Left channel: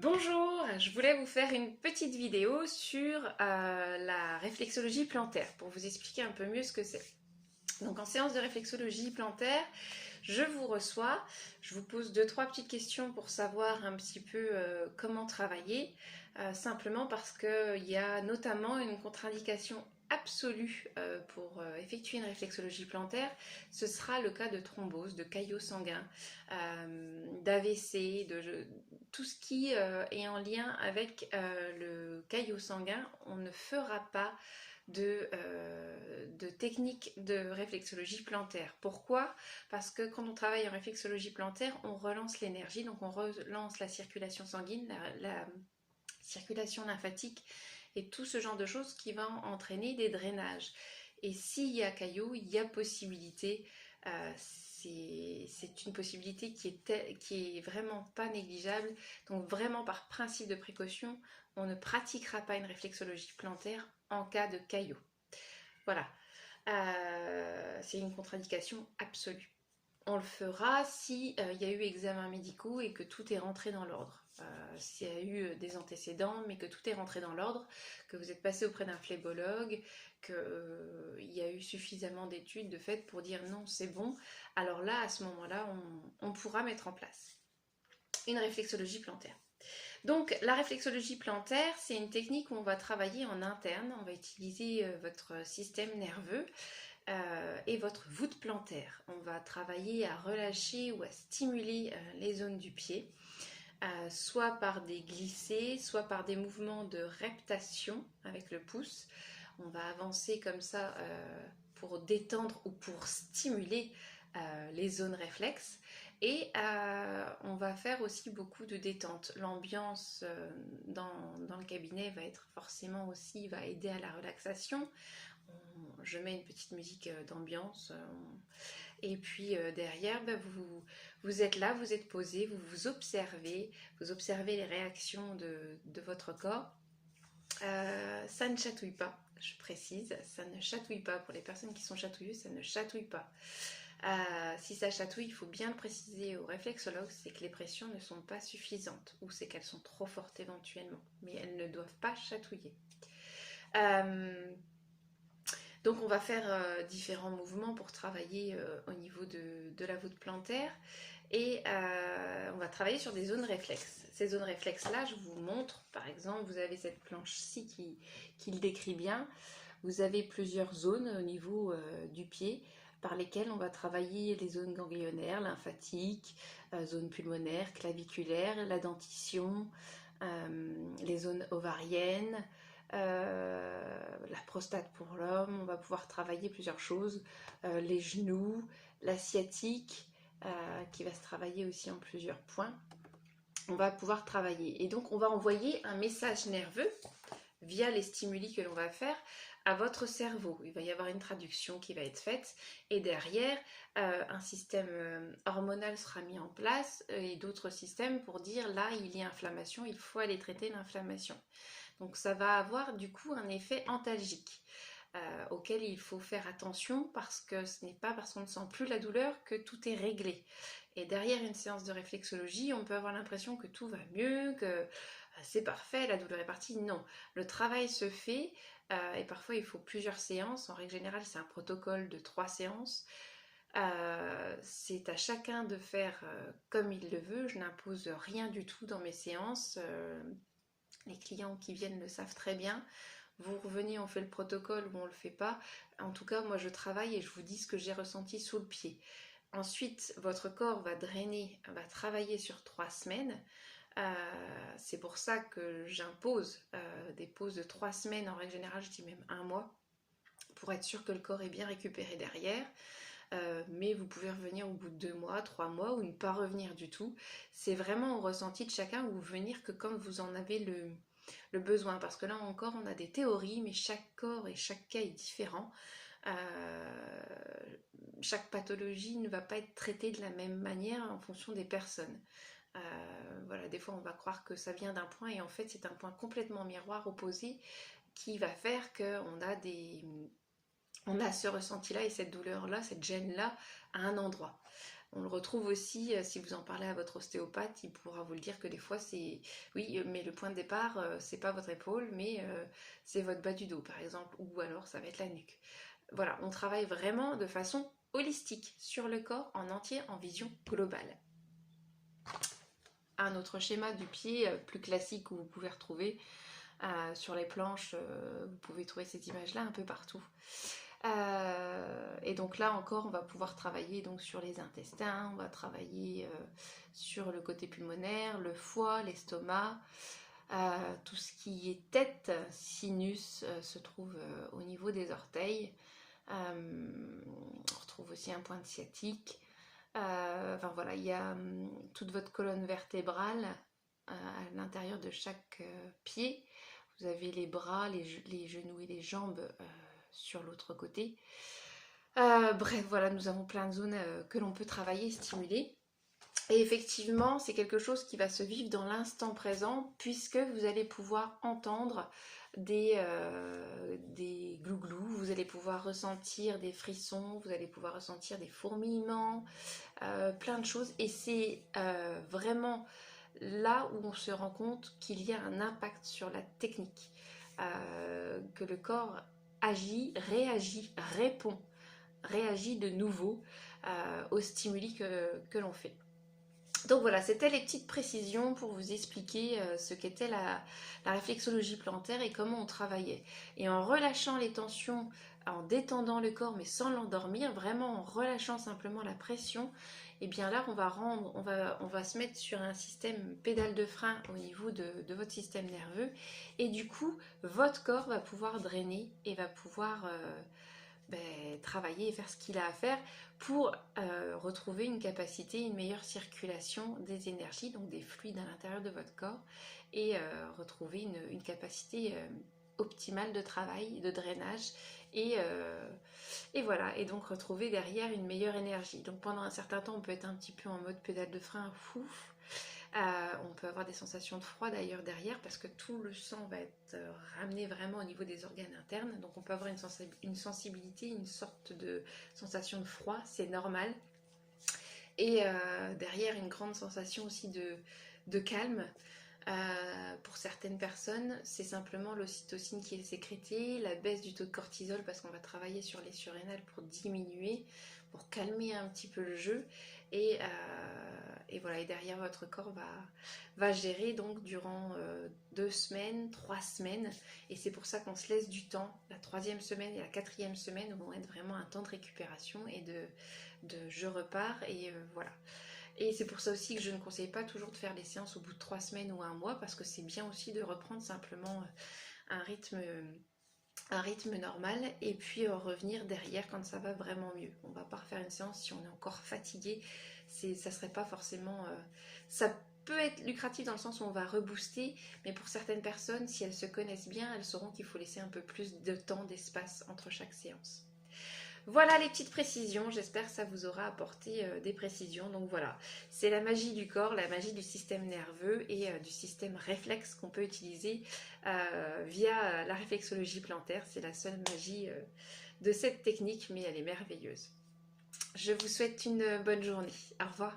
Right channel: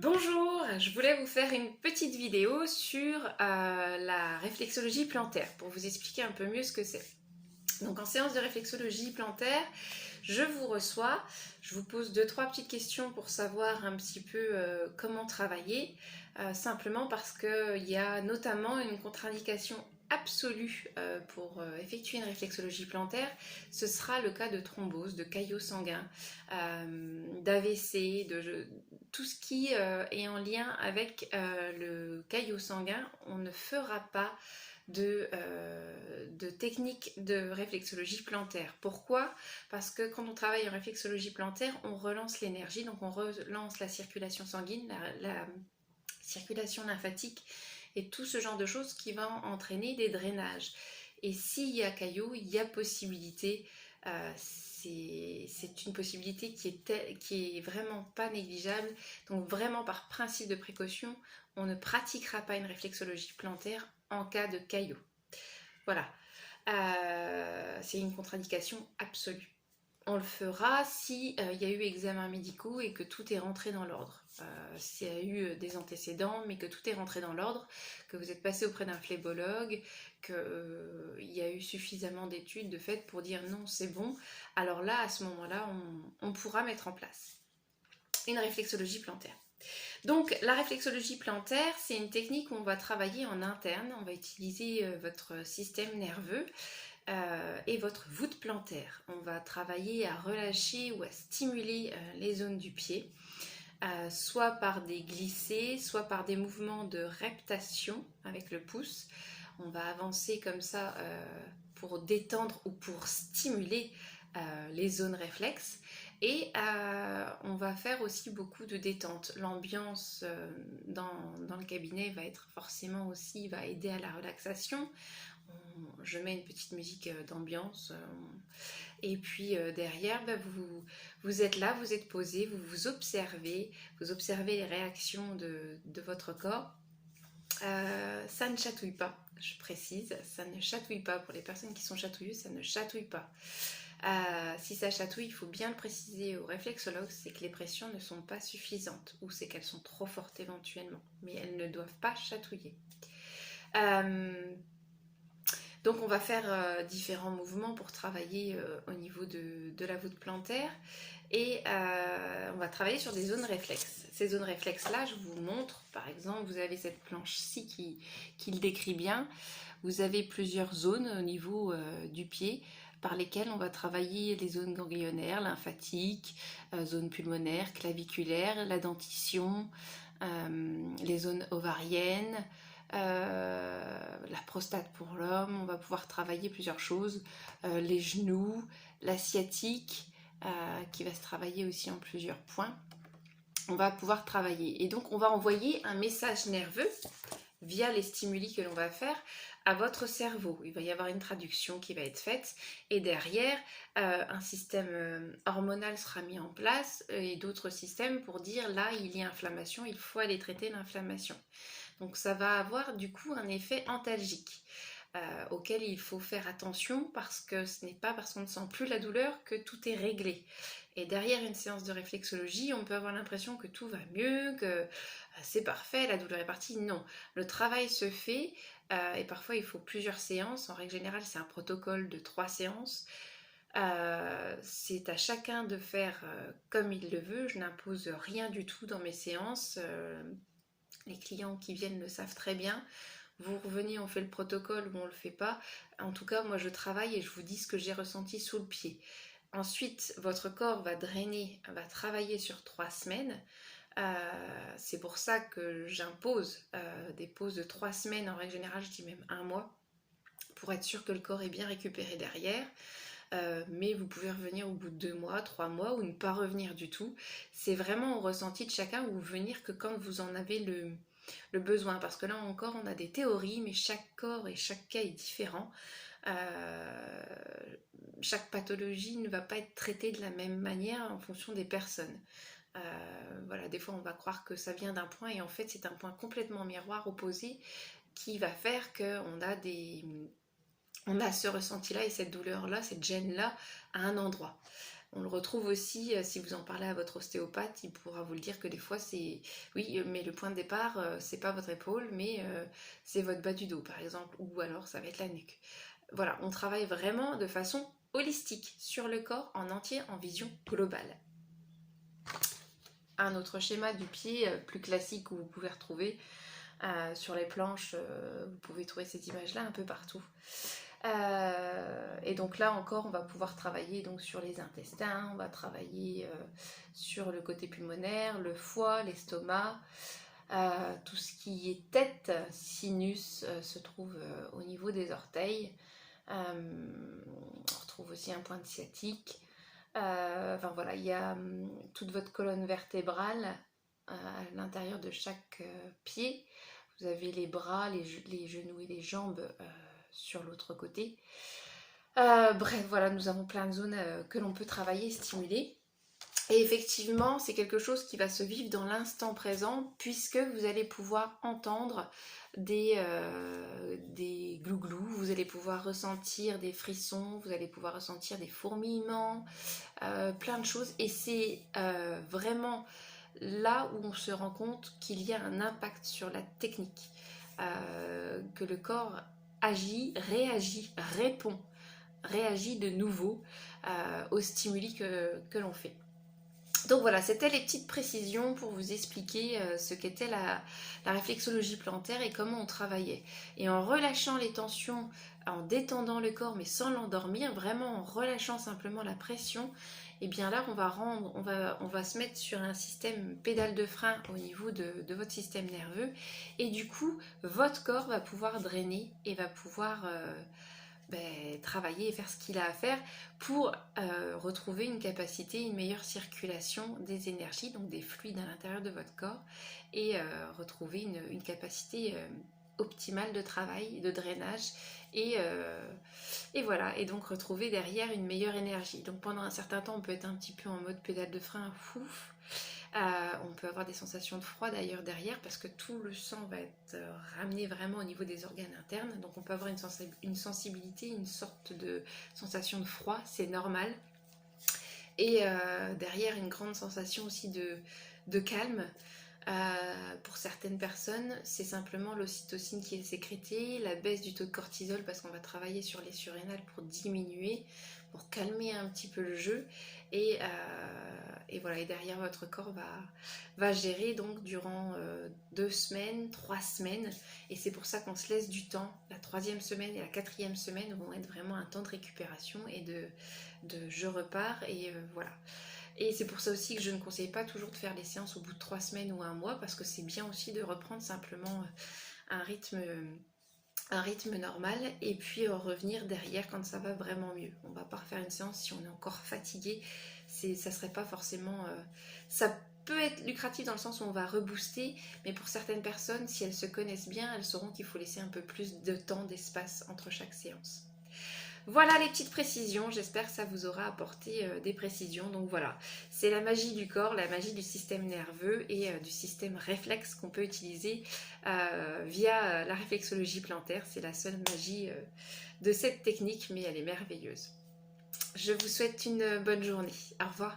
Bonjour, je voulais vous faire une petite vidéo sur la réflexologie plantaire pour vous expliquer un peu mieux ce que c'est. Donc en séance de réflexologie plantaire, je vous reçois, je vous pose 2-3 petites questions pour savoir un petit peu comment travailler, simplement parce qu'il y a notamment une contre-indication absolue pour effectuer une réflexologie plantaire. Ce sera le cas de thrombose, de caillots sanguins, d'AVC, tout ce qui est en lien avec le caillot sanguin. On ne fera pas de technique de réflexologie plantaire. Pourquoi? Parce que quand on travaille en réflexologie plantaire, on relance l'énergie, donc on relance la circulation sanguine, la circulation lymphatique et tout ce genre de choses qui va entraîner des drainages. Et s'il y a caillot, il y a possibilité, c'est une possibilité qui est vraiment pas négligeable. Donc vraiment par principe de précaution, on ne pratiquera pas une réflexologie plantaire en cas de caillot. Voilà, c'est une contre-indication absolue. On le fera si il y a eu examens médicaux et que tout est rentré dans l'ordre. S'il y a eu des antécédents, mais que tout est rentré dans l'ordre, que vous êtes passé auprès d'un phlébologue, qu'il y a eu suffisamment d'études de fait pour dire non, c'est bon, alors là, à ce moment-là, on pourra mettre en place une réflexologie plantaire. Donc la réflexologie plantaire, c'est une technique où on va travailler en interne, on va utiliser votre système nerveux et votre voûte plantaire. On va travailler à relâcher ou à stimuler les zones du pied, soit par des glissés, soit par des mouvements de reptation avec le pouce. On va avancer comme ça pour détendre ou pour stimuler les zones réflexes. Et on va faire aussi beaucoup de détente. L'ambiance dans le cabinet va être forcément aussi, va aider à la relaxation. Je mets une petite musique d'ambiance. Et puis derrière, vous êtes là, vous êtes posé, vous observez les réactions de votre corps. Ça ne chatouille pas, je précise, ça ne chatouille pas. Pour les personnes qui sont chatouilleuses, ça ne chatouille pas. Si ça chatouille, il faut bien le préciser au réflexologue, c'est que les pressions ne sont pas suffisantes ou c'est qu'elles sont trop fortes éventuellement, mais elles ne doivent pas chatouiller. Donc on va faire différents mouvements pour travailler au niveau de la voûte plantaire et on va travailler sur des zones réflexes. Ces zones réflexes là, je vous montre, par exemple, vous avez cette planche-ci qui le décrit bien. Vous avez plusieurs zones au niveau du pied par lesquelles on va travailler les zones ganglionnaires, lymphatiques, zones pulmonaires, claviculaires, la dentition, les zones ovariennes, la prostate pour l'homme. On va pouvoir travailler plusieurs choses, les genoux, la sciatique, qui va se travailler aussi en plusieurs points. On va pouvoir travailler et donc on va envoyer un message nerveux via les stimuli que l'on va faire à votre cerveau. Il va y avoir une traduction qui va être faite et derrière un système hormonal sera mis en place et d'autres systèmes pour dire là il y a inflammation, il faut aller traiter l'inflammation. Donc ça va avoir du coup un effet antalgique auquel il faut faire attention parce que ce n'est pas parce qu'on ne sent plus la douleur que tout est réglé. Et derrière une séance de réflexologie, on peut avoir l'impression que tout va mieux, que c'est parfait, la douleur est partie. Non, le travail se fait et parfois il faut plusieurs séances. En règle générale, c'est un protocole de 3 séances. C'est à chacun de faire comme il le veut. Je n'impose rien du tout dans mes séances. Les clients qui viennent le savent très bien. Vous revenez, on fait le protocole ou on le fait pas. En tout cas, moi je travaille et je vous dis ce que j'ai ressenti sous le pied. Ensuite, votre corps va drainer, va travailler sur 3 semaines. C'est pour ça que j'impose des pauses de 3 semaines, en règle générale, je dis même 1 mois, pour être sûr que le corps est bien récupéré derrière. Mais vous pouvez revenir au bout de 2 mois, 3 mois ou ne pas revenir du tout. C'est vraiment au ressenti de chacun ou venir que quand vous en avez le besoin. Parce que là encore, on a des théories, mais chaque corps et chaque cas est différent. Chaque pathologie ne va pas être traitée de la même manière en fonction des personnes. Voilà, des fois on va croire que ça vient d'un point et en fait c'est un point complètement miroir opposé qui va faire qu'on a on a ce ressenti là et cette douleur là, cette gêne là à un endroit. On le retrouve aussi, si vous en parlez à votre ostéopathe, il pourra vous le dire que des fois c'est... Oui, mais le point de départ, c'est pas votre épaule, mais c'est votre bas du dos par exemple, ou alors ça va être la nuque. Voilà, on travaille vraiment de façon holistique sur le corps en entier, en vision globale. Un autre schéma du pied plus classique que vous pouvez retrouver sur les planches, vous pouvez trouver ces images-là un peu partout. Et donc là encore, on va pouvoir travailler donc sur les intestins, on va travailler sur le côté pulmonaire, le foie, l'estomac, tout ce qui est tête, sinus se trouve au niveau des orteils. On retrouve aussi un point sciatique. Enfin voilà, il y a toute votre colonne vertébrale à l'intérieur de chaque pied. Vous avez les bras, les genoux et les jambes sur l'autre côté. Bref, voilà, nous avons plein de zones que l'on peut travailler et stimuler. Et effectivement, c'est quelque chose qui va se vivre dans l'instant présent, puisque vous allez pouvoir entendre des glouglous, vous allez pouvoir ressentir des frissons, vous allez pouvoir ressentir des fourmillements, plein de choses. Et c'est vraiment là où on se rend compte qu'il y a un impact sur la technique, que le corps agit, réagit, réagit de nouveau aux stimuli que l'on fait. Donc voilà, c'était les petites précisions pour vous expliquer ce qu'était la réflexologie plantaire et comment on travaillait. Et en relâchant les tensions, en détendant le corps mais sans l'endormir, vraiment en relâchant simplement la pression, et bien là on va se mettre sur un système pédale de frein au niveau de votre système nerveux, et du coup votre corps va pouvoir drainer et va pouvoir travailler et faire ce qu'il a à faire pour retrouver une capacité, une meilleure circulation des énergies, donc des fluides à l'intérieur de votre corps, et retrouver une capacité optimale de travail, de drainage, et voilà, et donc retrouver derrière une meilleure énergie. Donc pendant un certain temps, on peut être un petit peu en mode pédale de frein, fouf. On peut avoir des sensations de froid d'ailleurs derrière, parce que tout le sang va être ramené vraiment au niveau des organes internes, donc on peut avoir une sensibilité, une sorte de sensation de froid, c'est normal, et derrière une grande sensation aussi de calme. Pour certaines personnes, c'est simplement l'ocytocine qui est sécrétée, la baisse du taux de cortisol, parce qu'on va travailler sur les surrénales pour diminuer, pour calmer un petit peu le jeu, et voilà, et derrière votre corps va gérer donc durant 2 semaines, 3 semaines, et c'est pour ça qu'on se laisse du temps. La 3e semaine et la 4e semaine vont être vraiment un temps de récupération et de je repars, et voilà. Et c'est pour ça aussi que je ne conseille pas toujours de faire les séances au bout de 3 semaines ou 1 mois, parce que c'est bien aussi de reprendre simplement un rythme normal, et puis revenir derrière quand ça va vraiment mieux. On ne va pas refaire une séance si on est encore fatigué, ça serait pas forcément... ça peut être lucratif dans le sens où on va rebooster, mais pour certaines personnes, si elles se connaissent bien, elles sauront qu'il faut laisser un peu plus de temps, d'espace entre chaque séance. Voilà les petites précisions, j'espère que ça vous aura apporté des précisions. Donc voilà, c'est la magie du corps, la magie du système nerveux et du système réflexe qu'on peut utiliser via la réflexologie plantaire. C'est la seule magie de cette technique, mais elle est merveilleuse. Je vous souhaite une bonne journée. Au revoir.